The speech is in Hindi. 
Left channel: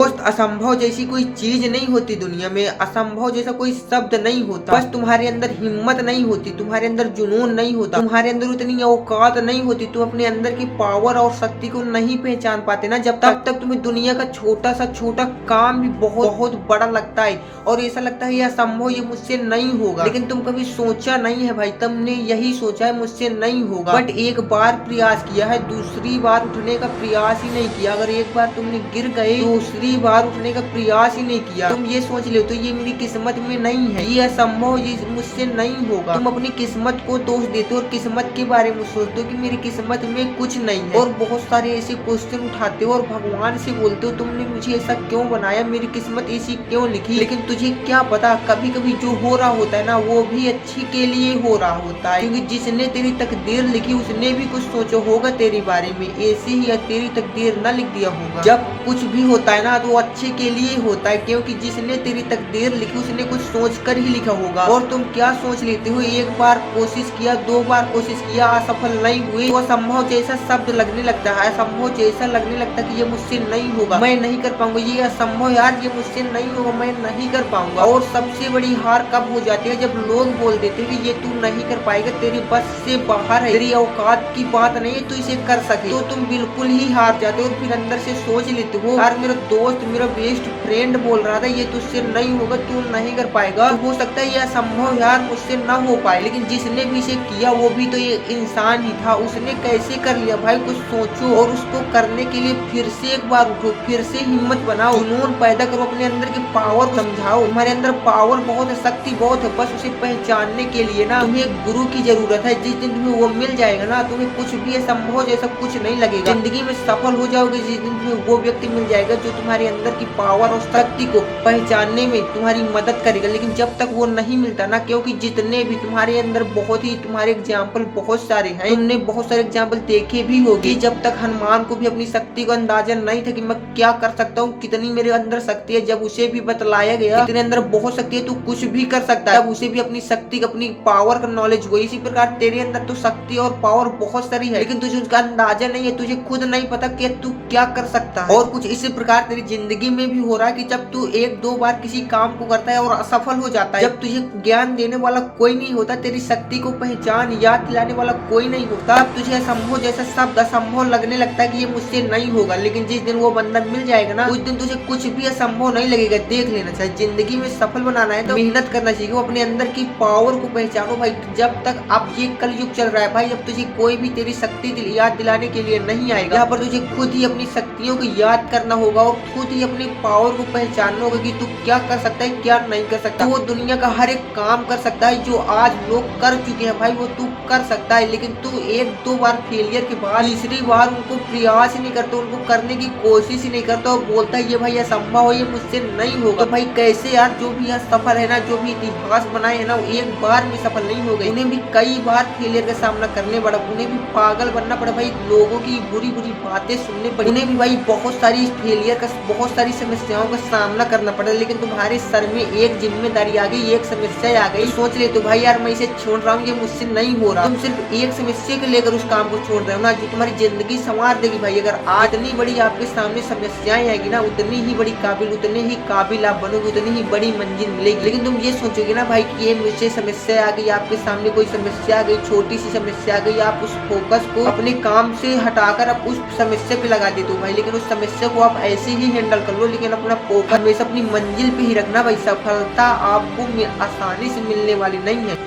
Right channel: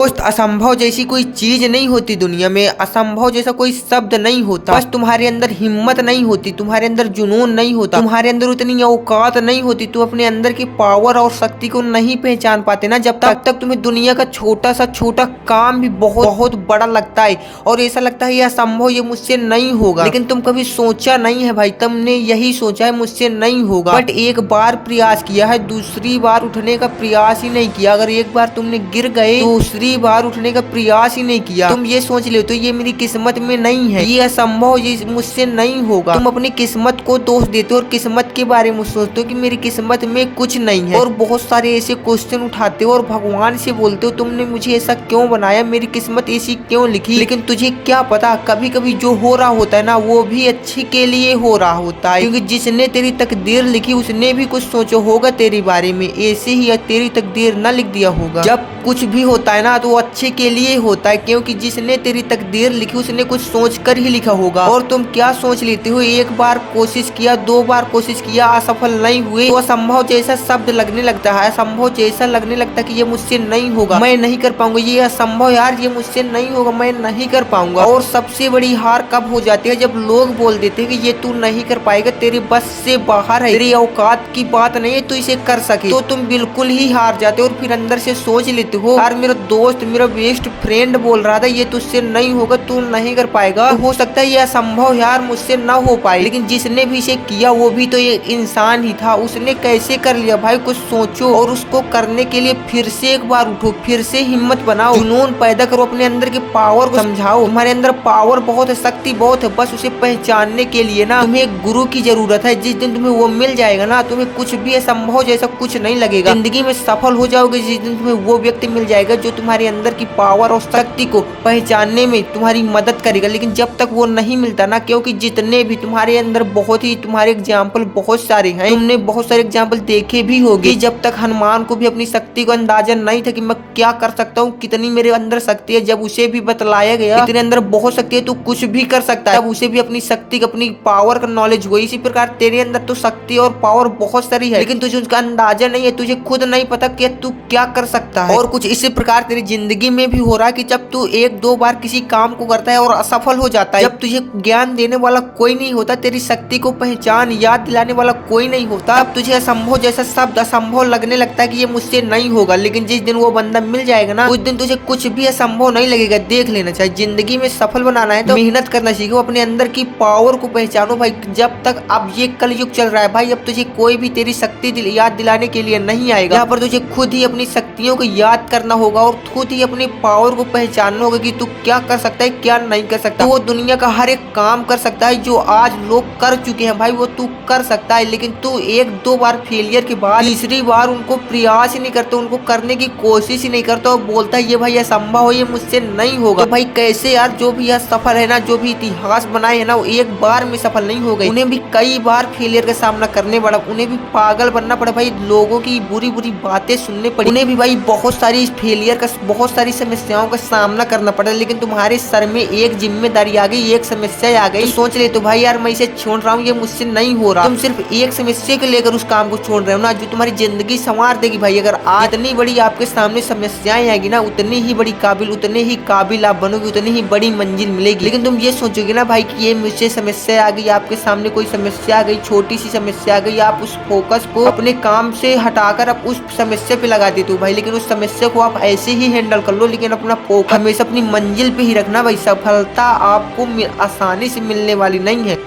दोस्त, असंभव जैसी कोई चीज नहीं होती दुनिया में। असंभव जैसा कोई शब्द नहीं होता। बस तुम्हारे अंदर हिम्मत नहीं होती, तुम्हारे अंदर जुनून नहीं होता, तुम्हारे अंदर उतनी औकात नहीं होती, तुम अपने अंदर की पावर और शक्ति को नहीं पहचान पाते ना, जब तक तुम्हें दुनिया का छोटा सा छोटा काम भी बहुत बहुत बड़ा लगता है और ऐसा लगता है ये असंभव, ये मुझसे नहीं होगा। लेकिन तुम कभी सोचा नहीं है भाई, तुमने यही सोचा है मुझसे नहीं होगा, बट एक बार प्रयास किया है, दूसरी बार उठने का प्रयास ही नहीं किया। अगर एक बार तुमने गिर गए, दूसरी बार उठने का प्रयास ही नहीं किया, तुम ये सोच ले तो ये मेरी किस्मत में नहीं है, ये असंभव, ये मुझसे नहीं होगा। तुम अपनी किस्मत को दोष देते हो और किस्मत के बारे में सोचते हो कि मेरी किस्मत में कुछ नहीं है, और बहुत सारे ऐसे क्वेश्चन उठाते हो और भगवान से बोलते हो तुमने मुझे ऐसा क्यों बनाया, मेरी किस्मत ऐसी क्यों लिखी। लेकिन तुझे क्या पता, कभी कभी जो हो रहा होता है ना वो भी अच्छे के लिए हो रहा होता है, क्योंकि जिसने तेरी तकदीर लिखी उसने भी कुछ सोचो होगा तेरे बारे में, ऐसे ही तेरी तकदीर न लिख दिया होगा। जब कुछ भी होता है ना तो अच्छे के लिए होता है, क्योंकि जिसने तेरी तकदीर लिखी उसने कुछ सोच कर ही लिखा होगा। और तुम क्या सोच लेते हो, एक बार कोशिश किया, दो बार कोशिश किया, असफल नहीं हुए तो असंभव जैसा शब्द लगने लगता है, असंभव जैसा लगने लगता है कि ये मुझसे नहीं होगा, मैं नहीं कर पाऊंगा, ये असंभव यार, ये मुझसे नहीं होगा, मैं नहीं कर पाऊंगा। और सबसे बड़ी हार कब हो जाती है, जब लोग बोल देते हैं कि ये तू नहीं कर पाएगा, तेरी बस से बाहर है, तेरी औकात की बात नहीं है, तू इसे कर सके, तो तुम बिल्कुल ही हार जाते हो। और फिर अंदर से सोच लेते हो यार मेरा दोस्त, मेरा बेस्ट फ्रेंड बोल रहा था ये तुझसे नहीं होगा, तू नहीं कर पाएगा, तो हो सकता है ये असंभव यार मुझसे ना हो पाए। लेकिन जिसने भी इसे किया वो भी तो एक इंसान ही था, उसने कैसे कर लिया भाई, कुछ सोचो। और उसको करने के लिए फिर से एक बार उठो, फिर से हिम्मत बनाओ, जुनून पैदा करो, अपने अंदर के पावर को समझाओ। तुम्हारे अंदर पावर बहुत है, शक्ति बहुत है, बस उसे पहचानने के लिए ना तुम्हें एक गुरु की जरूरत है। जिस दिन तुम्हें वो मिल जाएगा ना, तुम्हें कुछ भी असंभव जैसा कुछ नहीं लगेगा, जिंदगी में सफल हो जाओगे जिस दिन तुम्हें वो व्यक्ति मिल जाएगा जो तुम्हारे अंदर की पावर और शक्ति को पहचानने में तुम्हारी मदद करेगा। लेकिन जब तक वो नहीं मिलता ना, क्योंकि जितने भी तुम्हारे अंदर बहुत ही तुम्हारे एग्जाम्पल बहुत सारे हैं, तुमने बहुत सारे एग्जाम्पल देखे भी होंगे। जब तक हनुमान को भी अपनी शक्ति को अंदाजा नहीं था कि मैं क्या कर सकता हूँ, कितनी मेरे अंदर शक्ति है, जब उसे भी बतलाया गया तेरे अंदर बहुत शक्ति है, तू कुछ भी कर सकता है, तब उसे भी अपनी शक्ति अपनी पावर का नॉलेज हुई। इसी प्रकार तेरे अंदर तो शक्ति और पावर बहुत सारी है, लेकिन तुझे उसका अंदाजा नहीं है, तुझे खुद नहीं पता कि तू क्या कर सकता है। और कुछ इसी प्रकार तेरी जिंदगी में भी हो रहा है कि जब तू एक दो बार किसी काम को करता है और असफल हो जाता है, जब तुझे ज्ञान देने वाला कोई नहीं होता, तेरी शक्ति को पहचान याद दिलाने वाला कोई नहीं होता, तब तुझे असंभव जैसा शब्द असंभव लगने लगता है कि ये मुझसे नहीं होगा। लेकिन जिस दिन वो बंदा मिल जाएगा ना, उस दिन तुझे कुछ भी असंभव नहीं लगेगा। देख लेना चाहिए, जिंदगी में सफल बनाना है तो मेहनत करना सीखो, अपने अंदर की पावर को पहचानो भाई। जब तक अब ये कलयुग चल रहा है भाई, अब तुझे कोई भी तेरी शक्ति याद दिलाने के लिए नहीं आएगा। यहाँ पर तुझे खुद ही अपनी शक्तियों को याद करना होगा और खुद ही अपनी पावर को पहचानना होगा कि तू क्या कर सकता है, क्या नहीं कर सकता। वो दुनिया का हर एक काम कर सकता है जो आज लोग कर चुके हैं भाई, वो तू कर सकता है। लेकिन तू एक दो बार फेलियर के बाद तीसरी बार उनको प्रयास ही नहीं करता, उनको करने की कोशिश ही नहीं करता, और बोलता है ये भाई असंभव है, ये मुझसे नहीं होगा। तो भाई कैसे यार, जो भी यह सफल है ना, जो भी इतिहास बनाए है ना, वो एक बार में सफल नहीं हो गए, उन्हें भी कई बार फेलियर का सामना करने पड़ा, उन्हें भी पागल बनना पड़ा भाई, लोगों की बुरी बुरी बातें सुननी पड़ी, उन्हें भी भाई बहुत सारी फेलियर का, बहुत सारी समस्याओं का सामना करना पड़ा। लेकिन तुम्हारे सर में एक जिम्मेदारी आ गई, एक समस्या आ गई, सोच ले तो भाई यार मैं इसे छोड़ रहा हूँ, ये मुझसे नहीं हो रहा। तुम सिर्फ एक समस्या को लेकर उस काम को छोड़ रहे हो ना, जो तुम्हारी जिंदगी संवार देगी भाई। अगर आज इतनी बड़ी आपके सामने समस्याएं आएगी ना, उतनी ही बड़ी काबिल, उतने ही काबिल आप बनोगे, उतनी ही बड़ी मंजिल मिलेगी। लेकिन तुम ये सोचोगे ना भाई कि ये मुझसे समस्या आ गई, आपके सामने कोई समस्या आ गई, छोटी सी समस्या आ गई, आप उस फोकस को अपने काम से हटाकर आप उस समस्या पे लगा देते हो भाई। लेकिन उस समस्या को आप ऐसे ही हैंडल कर लो, लेकिन अपना फोकस हमेशा अपनी मंजिल पे ही रखना भाई। सफलता आपको आसानी से मिलने वाली नहीं है।